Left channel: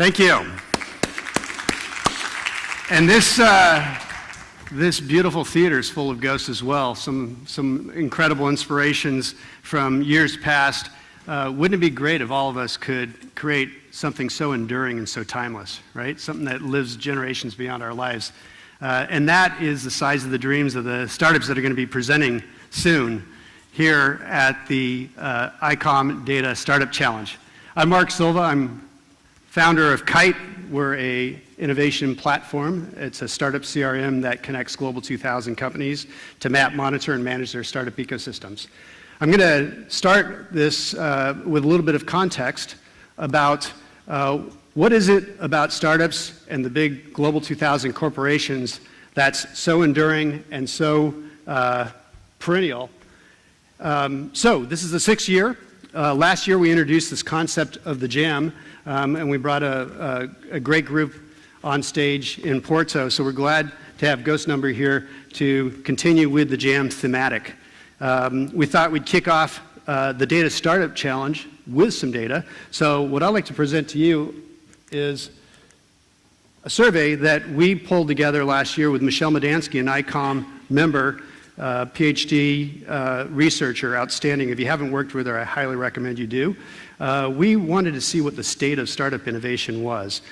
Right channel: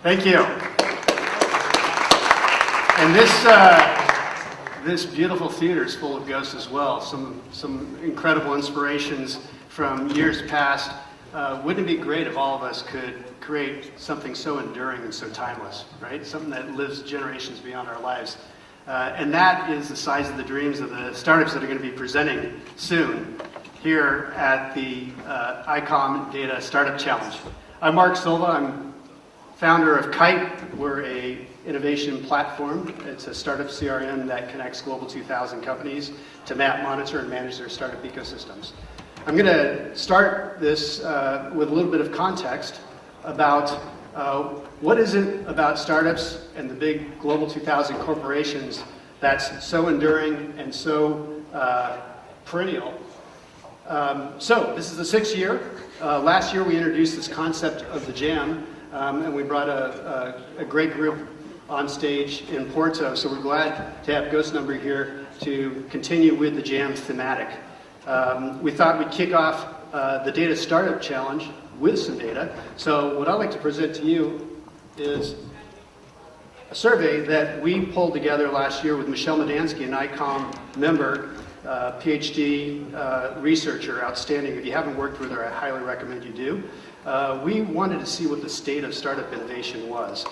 Thank you. And this beautiful theater is full of ghosts as well. Some incredible inspirations from years past. Wouldn't it be great if all of us could create something so enduring and so timeless, right? Something that lives generations beyond our lives. And that is the size of the dreams of the startups that are going to be presenting soon here at the ICOM Data Startup Challenge. I'm Mark Silva. I'm founder of KITE. We're an innovation platform. It's a startup CRM that connects Global 2000 companies to map, monitor, and manage their startup ecosystems. I'm going to start this with a little bit of context about what is it about startups and the big Global 2000 corporations that's so enduring and so perennial. So this is the 6th year. Last year we introduced this concept of the Jam, and we brought a great group on stage in Porto, so we're glad to have Ghost Number here to continue with the Jam thematic. We thought we'd kick off the Data Startup Challenge with some data. So what I'd like to present to you is a survey that we pulled together last year with Michelle Medansky, an ICOM member, PhD researcher, outstanding. If you haven't worked with her, I highly recommend you do. We wanted to see what the state of startup innovation was.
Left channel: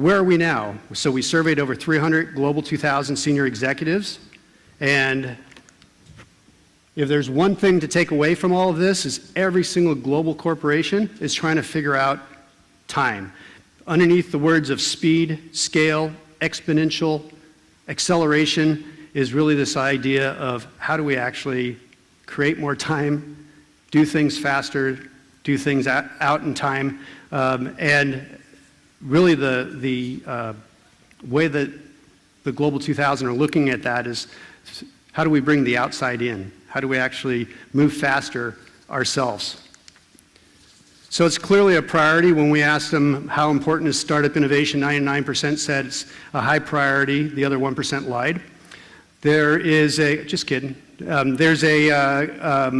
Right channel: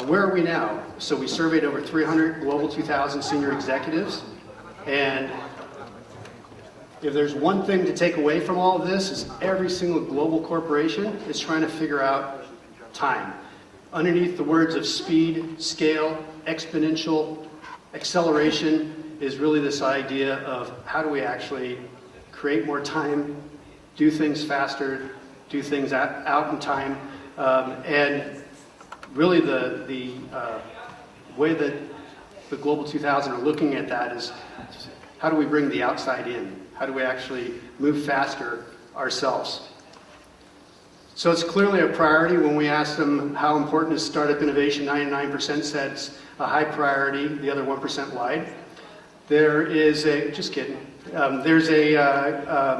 Where are we now? So we surveyed over 300 Global 2000 senior executives, and if there's one thing to take away from all of this, is every single global corporation is trying to figure out time. Underneath the words of speed, scale, exponential, acceleration is really this idea of how do we actually create more time, do things faster, do things out in time, and really the way that the Global 2000 are looking at that is how do we bring the outside in? How do we actually move faster ourselves? So it's clearly a priority. When we asked them how important is startup innovation, 99% said it's a high priority. The other 1% lied. There is a, just kidding, there's a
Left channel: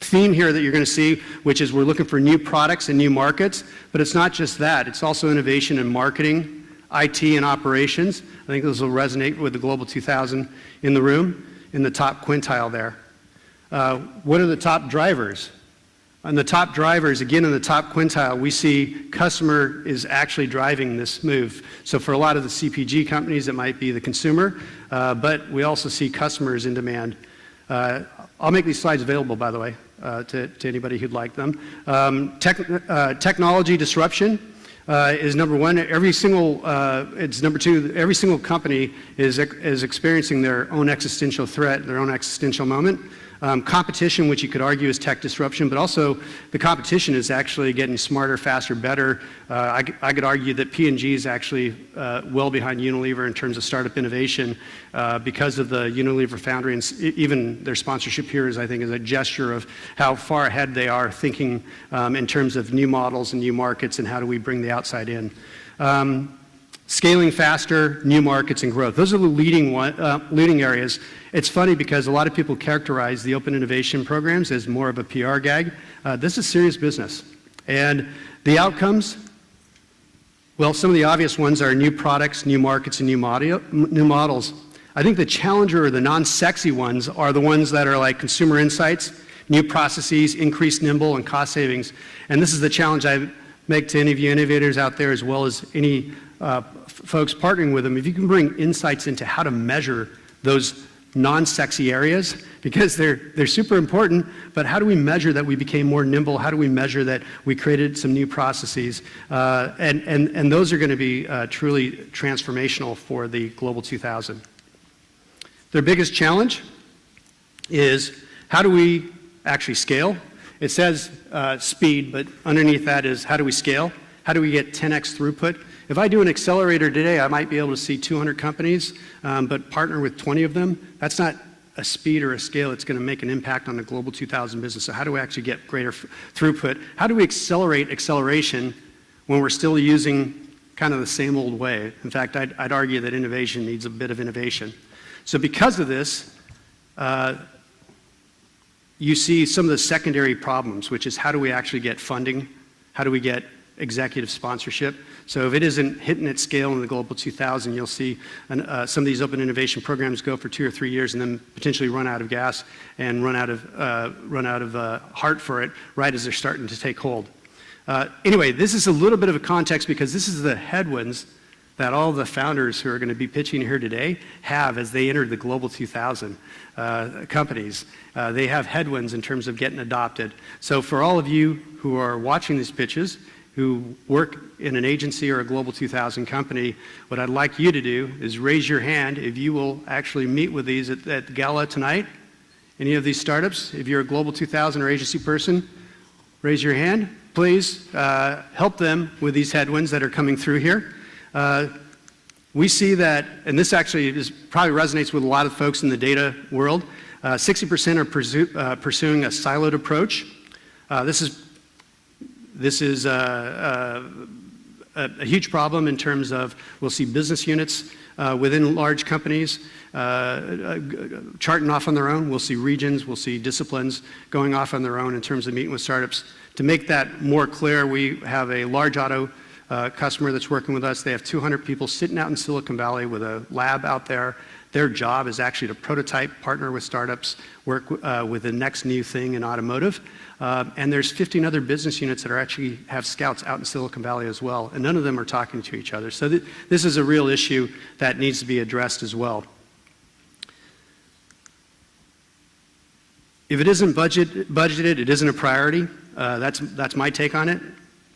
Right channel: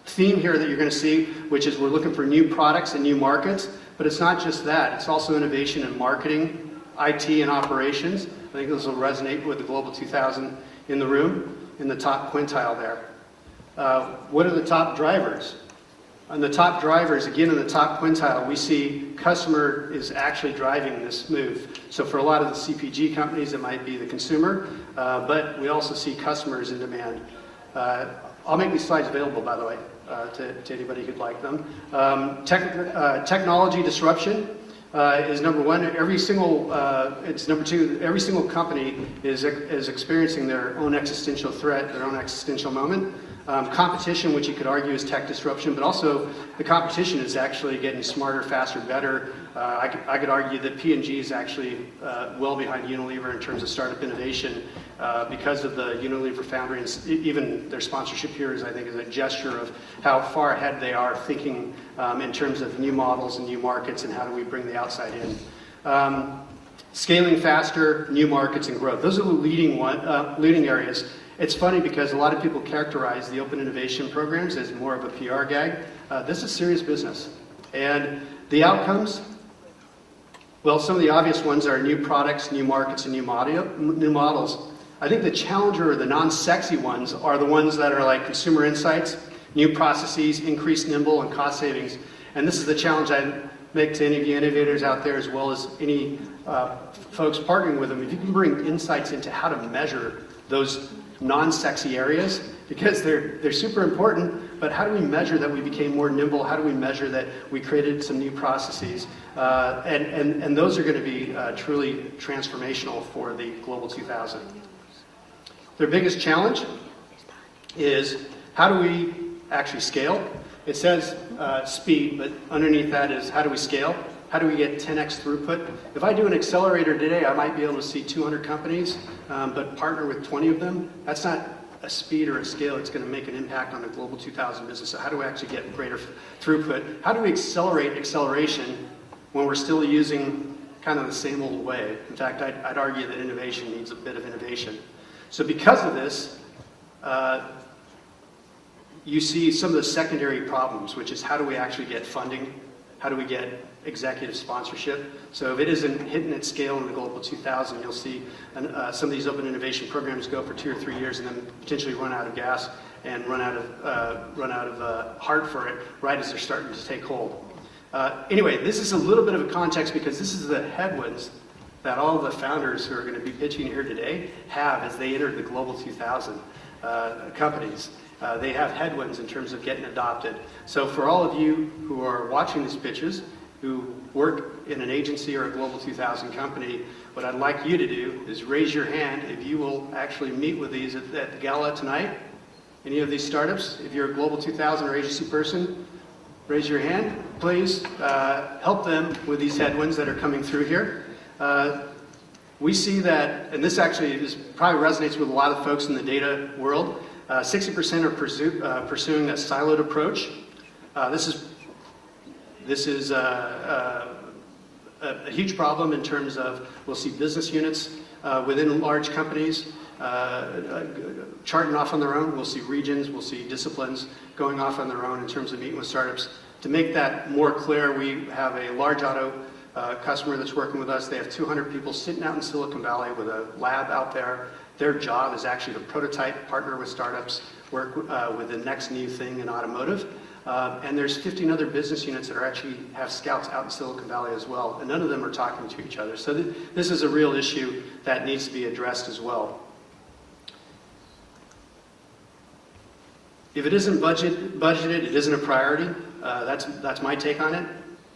theme here that you're going to see, which is we're looking for new products and new markets, but it's not just that. It's also innovation in marketing, IT, and operations. I think this will resonate with the Global 2000 in the room, in the top quintile there. What are the top drivers? On the top drivers, again in the top quintile, we see customer is actually driving this move. So for a lot of the CPG companies, it might be the consumer, but we also see customers in demand. I'll make these slides available, by the way, to anybody who'd like them. Technology disruption is number one. It's number two. Every single company is experiencing their own existential threat, their own existential moment. Competition, which you could argue is tech disruption, but also the competition is actually getting smarter, faster, better. I could argue that P&G is actually well behind Unilever in terms of startup innovation because of the Unilever Foundry, and even their sponsorship here is, I think, is a gesture of how far ahead they are thinking in terms of new models and new markets and how do we bring the outside in. Scaling faster, new markets, and growth. Those are the leading areas. It's funny because a lot of people characterize the open innovation programs as more of a PR gag. This is serious business. And the outcomes, well, some of the obvious ones are new products, new markets, and new models. I think the challenger or the non-sexy ones are the ones that are like consumer insights, new processes, increased nimble, and cost savings. And this is the challenge I make to any of you innovators out there as well as any folks partnering with them. If you can bring insights into how to measure those non-sexy areas, because they're super important, but how do we measure that we became more nimble? How do we measure that we created some new processes? And those are going to be truly transformational for the Global 2000. Their biggest challenge is how do we actually scale? It says speed, but underneath that is how do we scale? How do we get 10x throughput? If I do an accelerator today, I might be able to see 200 companies, but partner with 20 of them. That's not a speed or a scale that's going to make an impact on the Global 2000 business. So how do we actually get greater throughput? How do we accelerate acceleration when we're still using kind of the same old way? In fact, I'd argue that innovation needs a bit of innovation. So because of this, you see some of the secondary problems, which is how do we actually get funding? How do we get executive sponsorship. So if it isn't hitting its scale in the Global 2000, you'll see some of these open innovation programs go for 2 or 3 years and then potentially run out of gas and run out of heart for it right as they're starting to take hold. Anyway, this is a little bit of a context because this is the headwinds that all the founders who are going to be pitching here today have as they enter the Global 2000 companies. They have headwinds in terms of getting adopted. So for all of you who are watching these pitches, who work in an agency or a Global 2000 company, what I'd like you to do is raise your hand if you will actually meet with these at Gala tonight. Any of these startups, if you're a Global 2000 or agency person, raise your hand. Please help them with these headwinds that are coming through here. We see that, and this actually probably resonates with a lot of folks in the data world, 60% are pursuing a siloed approach. This is a huge problem in terms of we'll see business units within large companies charting off on their own. We'll see regions, we'll see disciplines going off on their own in terms of meeting with startups. To make that more clear, we have a large auto customer that's working with us. They have 200 people sitting out in Silicon Valley with a lab out there. Their job is actually to prototype, partner with startups, work with the next new thing in automotive. And there's 15 other business units that actually have scouts out in Silicon Valley as well, and none of them are talking to each other. So this is a real issue that needs to be addressed as well. If it isn't budgeted, it isn't a priority. That's my take on it.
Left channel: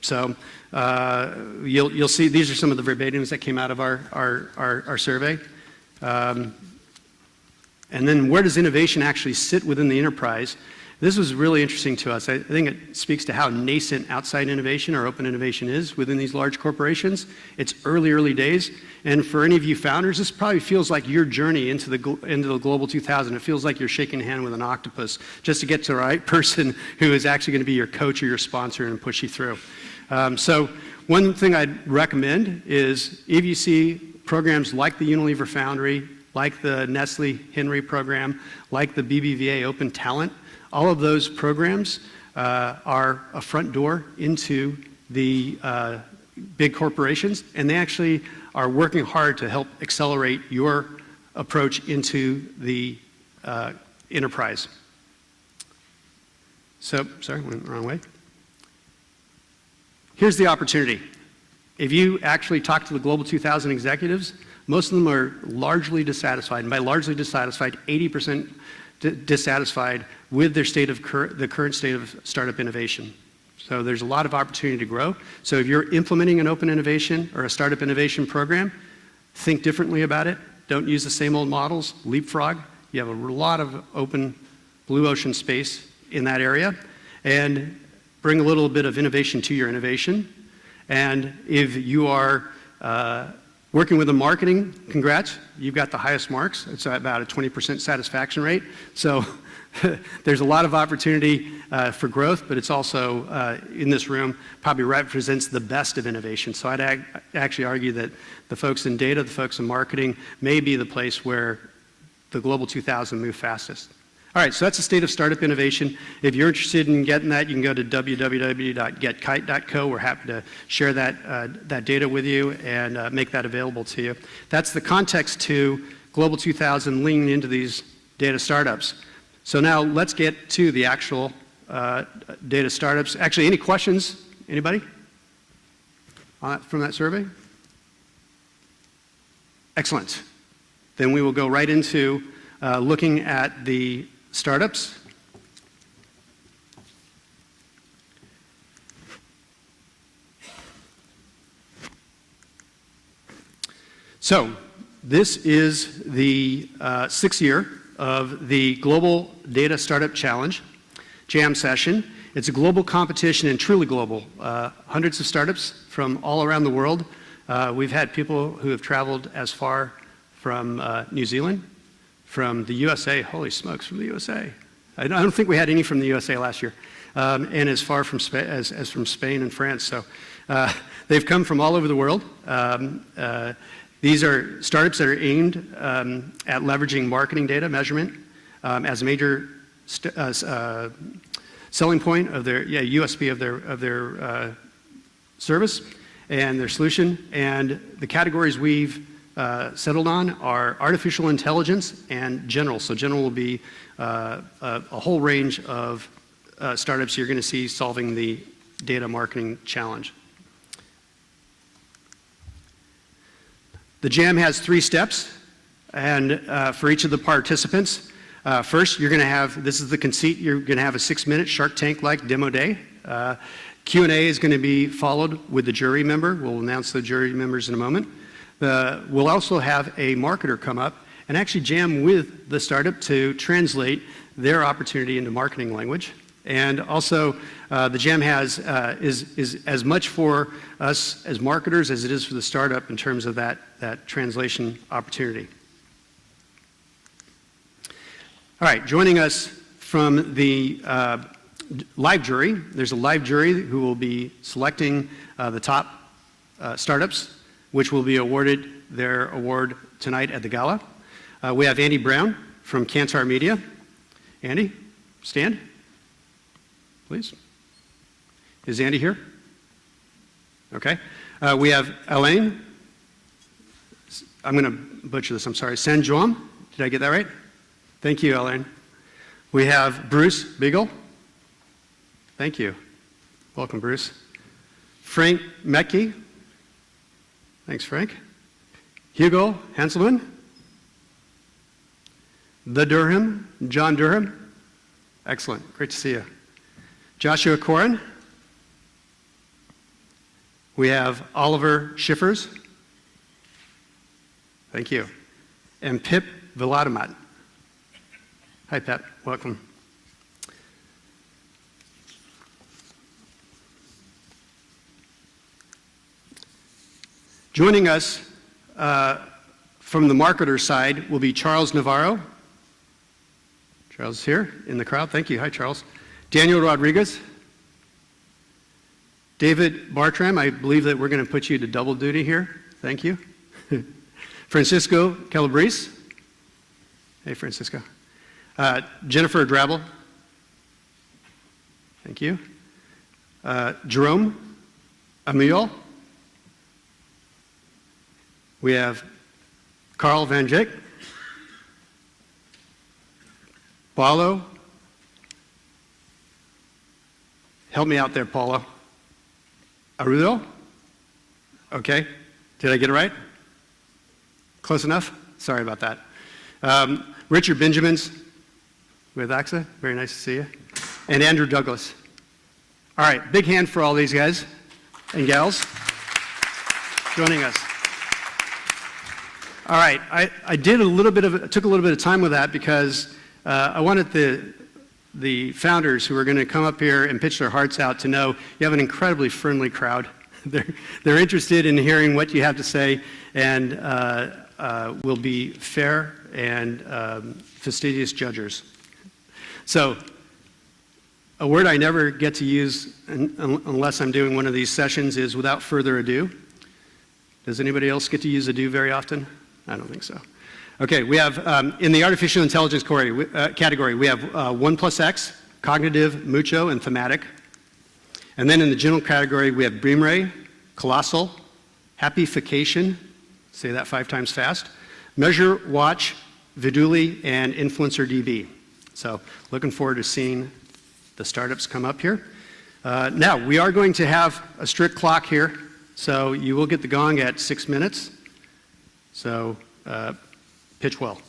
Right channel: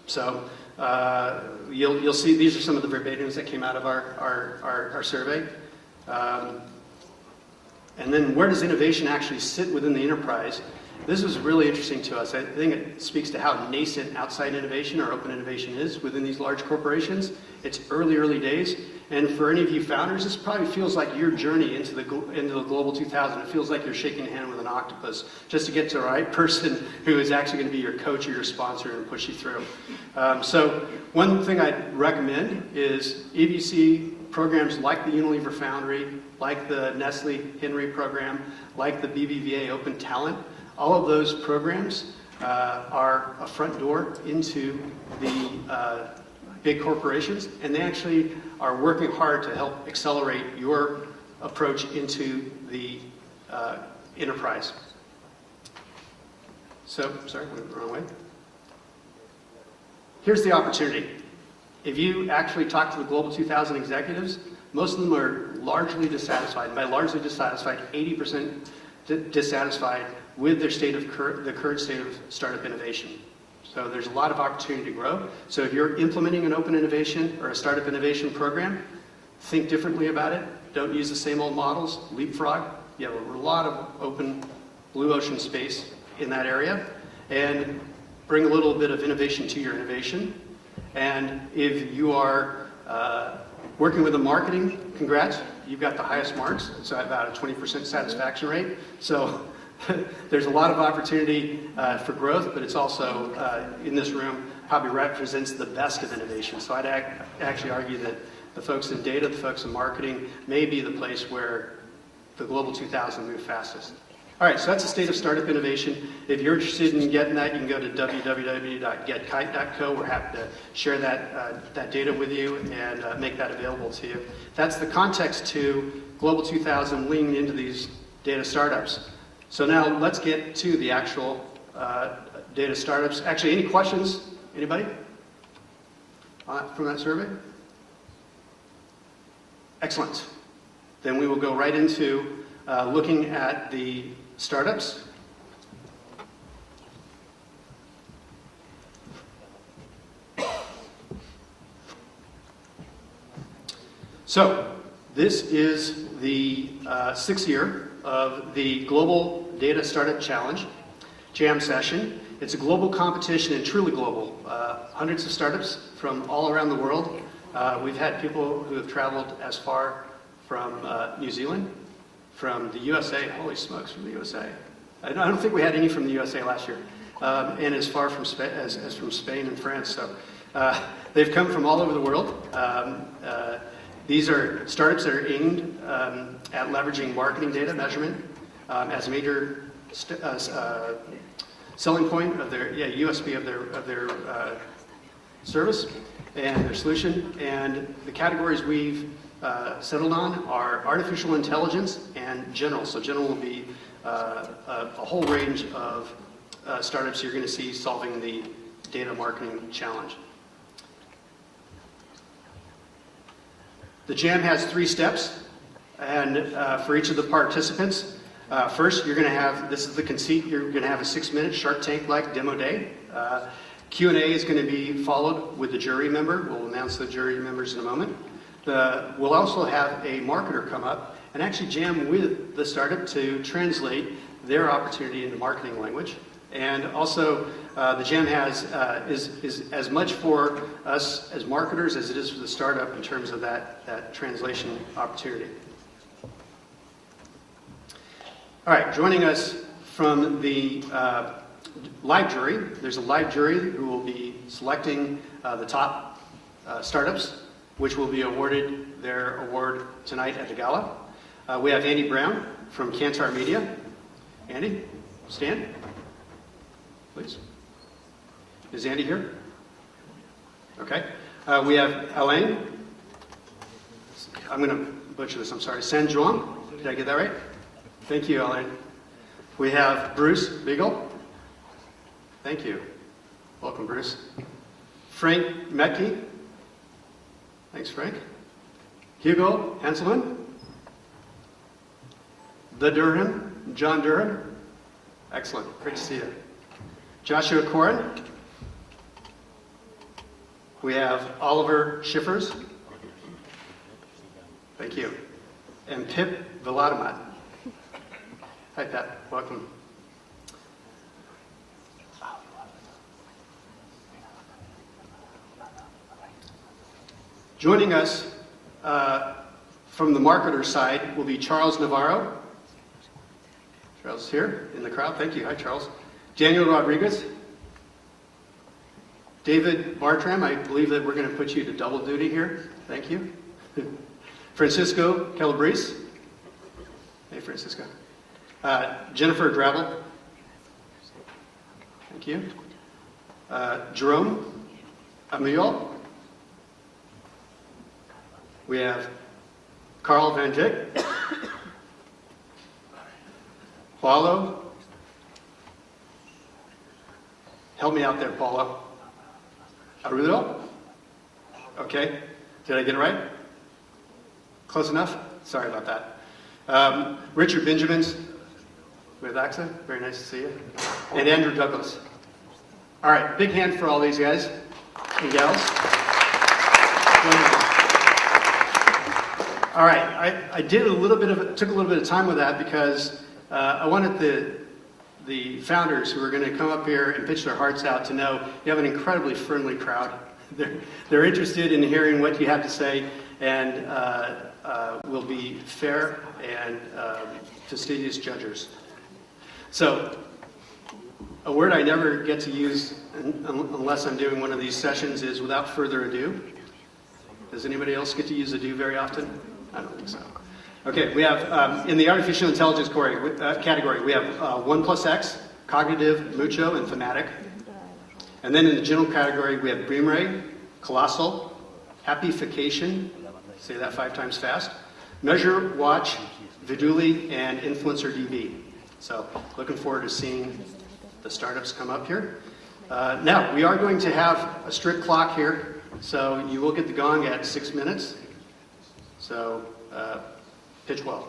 So you'll see these are some of the verbatims that came out of our survey. And then where does innovation actually sit within the enterprise? This was really interesting to us. I think it speaks to how nascent outside innovation or open innovation is within these large corporations. It's early days. And for any of you founders, this probably feels like your journey into the Global 2000. It feels like you're shaking a hand with an octopus just to get to the right person who is actually going to be your coach or your sponsor and push you through. So one thing I'd recommend is if you see programs like the Unilever Foundry, like the Nestle Henry program, like the BBVA Open Talent, all of those programs are a front door into the big corporations, and they actually are working hard to help accelerate your approach into the enterprise. So, sorry, went the wrong way. Here's the opportunity. If you actually talk to the Global 2000 executives, most of them are largely dissatisfied. And by largely dissatisfied, 80% dissatisfied with their the current state of startup innovation. So there's a lot of opportunity to grow. So if you're implementing an open innovation or a startup innovation program, think differently about it. Don't use the same old models. Leapfrog. You have a lot of open blue ocean space in that area. And bring a little bit of innovation to your innovation. And if you are working with a marketing, congrats, you've got the highest marks. It's about a 20% satisfaction rate. So there's a lot of opportunity for growth, but it's also, in this room, probably represents the best of innovation. So I'd actually argue that the folks in data, the folks in marketing, may be the place where the Global 2000 move fastest. All right, so that's the state of startup innovation. If you're interested in getting that, you can go to www.getkite.co. We're happy to share that data with you and make that available to you. That's the context to Global 2000 leaning into these data startups. So now let's get to the actual data startups. Actually, any questions? Anybody from that survey? Excellent. Then we will go right into looking at the startups. So this is the 6th year of the Global Data Startup Challenge Jam Session. It's a global competition and truly global. Hundreds of startups from all around the world. We've had people who have traveled as far from New Zealand, from the USA, holy smokes, from the USA. I don't think we had any from the USA last year, and as far from as from Spain and France. So they've come from all over the world. These are startups that are aimed at leveraging marketing data measurement as a major selling point of their USP of their service and their solution. And the categories we've settled on are artificial intelligence and general. So general will be a whole range of startups you're going to see solving the data marketing challenge. The jam has 3 steps, and for each of the participants. First, you're going to have, this is the conceit, you're going to have a 6-minute Shark Tank-like demo day. Q&A is going to be followed with the jury member. We'll announce the jury members in a moment. We'll also have a marketer come up and actually jam with the startup to translate their opportunity into marketing language. And also, the jam is as much for us as marketers as it is for the startup in terms of that translation opportunity. All right, joining us from the live jury, there's a live jury who will be selecting the top startups, which will be awarded their award tonight at the gala. We have Andy Brown from Kantar Media. Andy, stand, please. Is Andy here? Okay. We have Alain. I'm going to butcher this, I'm sorry. Saint-Jean, did I get that right? Thank you, Alain. We have Bruce Beagle. Thank you. Welcome, Bruce. Frank Metke. Thanks, Frank. Hugo Hanselman. The Durham, John Durham. Excellent, great to see you. Joshua Corin. We have Oliver Schiffers. Thank you. And Pip Viladamat. Hi, Pat, welcome. Joining us from the marketer side will be Charles Navarro. Charles is here in the crowd. Thank you. Hi, Charles. Daniel Rodriguez. David Bartram. I believe that we're going to put you to double duty here. Thank you. Francisco Calabrese. Hey, Francisco. Jennifer Gravel. Thank you. Jerome Amiel. We have Carl Van Vick. Paulo. Help me out there, Paulo. Arudo? Okay. Did I get it right? Close enough? Sorry about that. Richard Benjamins with AXA. Very nice to see you. And Andrew Douglas. All right. Big hand for all these guys and gals. Joining us. All right. I did took a little bit of time with that because I wanted the founders who are going to come up here and pitch their hearts out to know you have an incredibly friendly crowd. They're interested in hearing what you have to say and will be fair and fastidious judges. So, a word I never get to use unless I'm doing one of these sessions is without further ado. Does anybody else get to use ado very often? I don't think so. Okay, we have, in the artificial intelligence category, we have 1+X, cognitive, mucho, and thematic. And then in the general category, we have Beamray, colossal, happyfication, say that 5 times fast, measure, watch, Viduli, and influencer DB. So looking forward to seeing the startups come up here. Now, we are going to have a strict clock here, so you will get the gong at 6 minutes. So pitch well.